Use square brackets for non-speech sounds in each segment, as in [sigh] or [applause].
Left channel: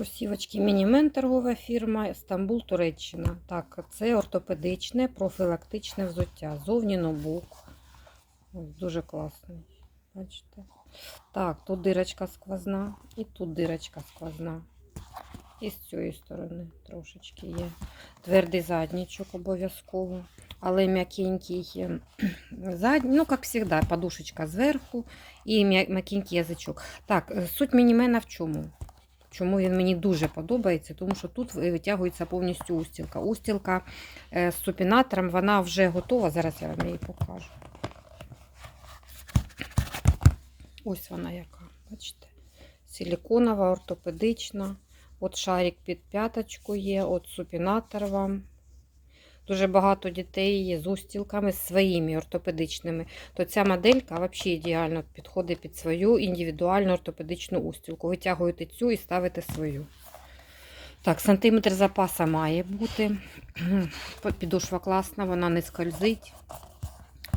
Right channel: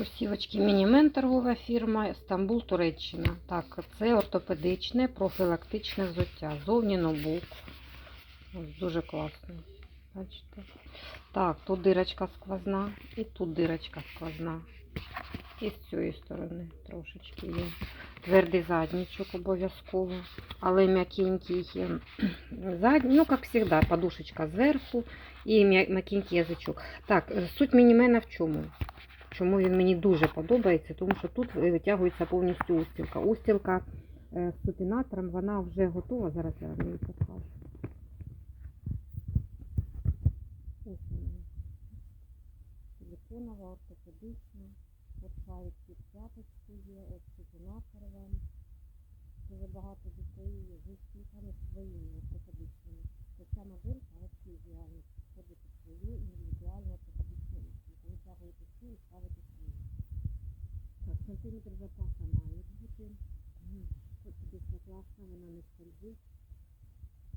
Кросівочки Мінімен торгова фірма Стамбул, Туреччина. Так, це ортопедичне, профілактичне взуття. Зовні ноутбук. Ось, Дуже класно. Бачите? Так, тут дирочка сквозна і тут дирочка сквозна. І з цієї сторони трошечки є. Твердий заднічок обов'язково. Але м'якенький [clears throat] задній, ну, як завжди, подушечка зверху і м'я- м'якенький язичок. Так, суть мінімена в чому? Чому він мені дуже подобається? Тому що тут витягується повністю устілка. Устілка е, з супінатором, вона вже готова. Зараз я вам її покажу. Ось вона яка, бачите? Силіконова, ортопедична. От шарик під п'яточку є, от супінатор вам. Дуже багато дітей є з устілками своїми ортопедичними. То ця моделька взагалі ідеально підходить під свою індивідуальну ортопедичну устілку. Витягуєте цю і ставите свою. Так, сантиметр запаса має бути. [clears throat] Підошва класна, вона не скользить,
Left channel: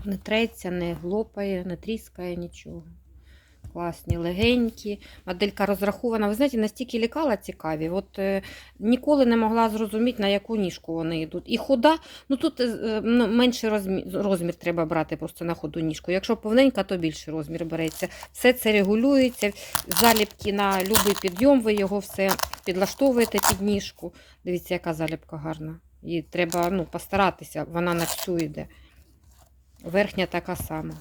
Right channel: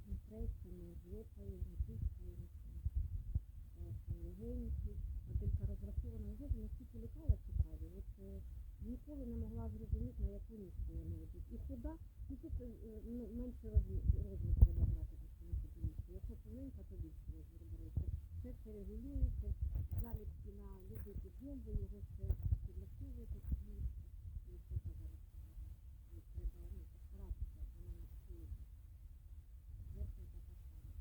не треться, не глопає, не тріскає нічого. Класні, легенькі. Моделька розрахована. Ви знаєте, настільки лікала цікаві. От е, ніколи не могла зрозуміти, на яку ніжку вони йдуть. І худа, ну тут е, ну, менший розмір, розмір треба брати просто на ходу ніжку. Якщо повненька, то більший розмір береться. Все це регулюється. Заліпки на будь-який підйом, ви його все підлаштовуєте під ніжку. Дивіться, яка заліпка гарна. І треба ну, постаратися, вона на всю йде. Верхня така сама.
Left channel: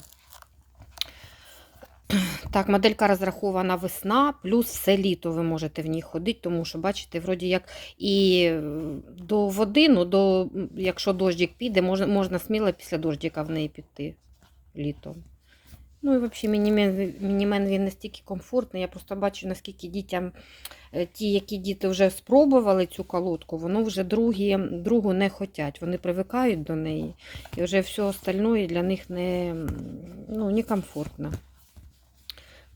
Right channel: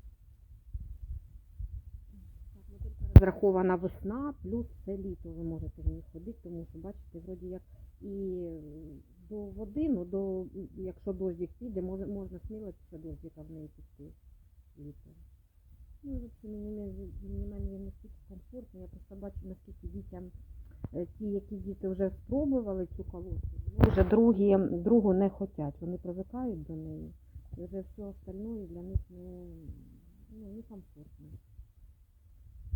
Так, моделька розрахована весна, плюс все літо ви можете в ній ходити, тому що, бачите, вроді як і е, до води, ну, до, якщо дощик піде, можна, можна сміло після дощика в неї піти літом. Ну і взагалі мінімен, мінімен він настільки комфортний. Я просто бачу, наскільки дітям, е, ті, які діти вже спробували цю колодку, воно вже другі, другу не хочуть. Вони привикають до неї. І вже все остальне для них не, ну, некомфортно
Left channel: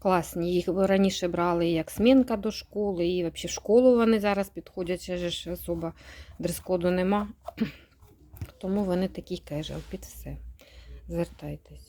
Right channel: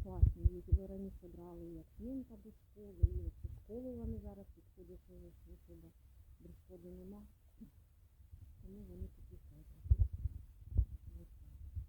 класні. Їх раніше брали як смінка до школи, і взагалі в школу вони зараз підходять, ще ж особа дрес-коду нема. Тому вони такі кежел під все. Звертайтесь.